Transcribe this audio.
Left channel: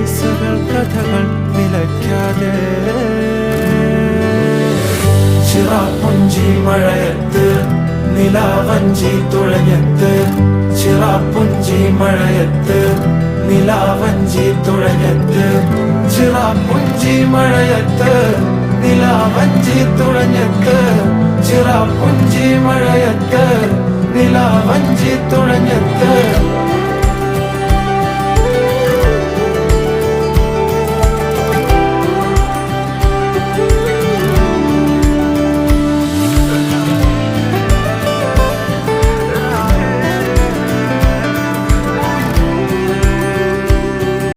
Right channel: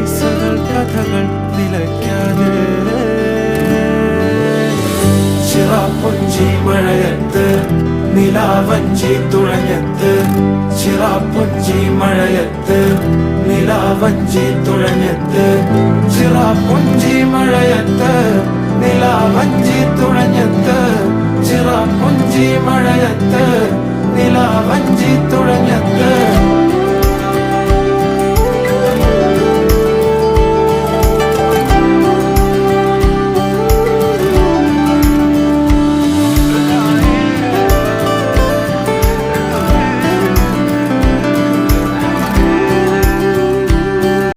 കിസ്സകൾ കഥകൾ നിലയ്ക്കാതെ ചിറാപ്പുഞ്ചി മഴയത്ത് നിലാവഞ്ചി തുഴഞ്ഞത്ത് ചിറാപ്പുഞ്ചി മഴയത്ത് നിലാവഞ്ചി തുഴഞ്ഞത്ത് ചിറാപ്പുഞ്ചി മഴയത്ത് നിലാവഞ്ചി തുഴഞ്ഞത്ത് ചിറാപ്പുഞ്ചി മഴയത്ത് നിലാവഞ്ചി തുഴഞ്ഞത്ത്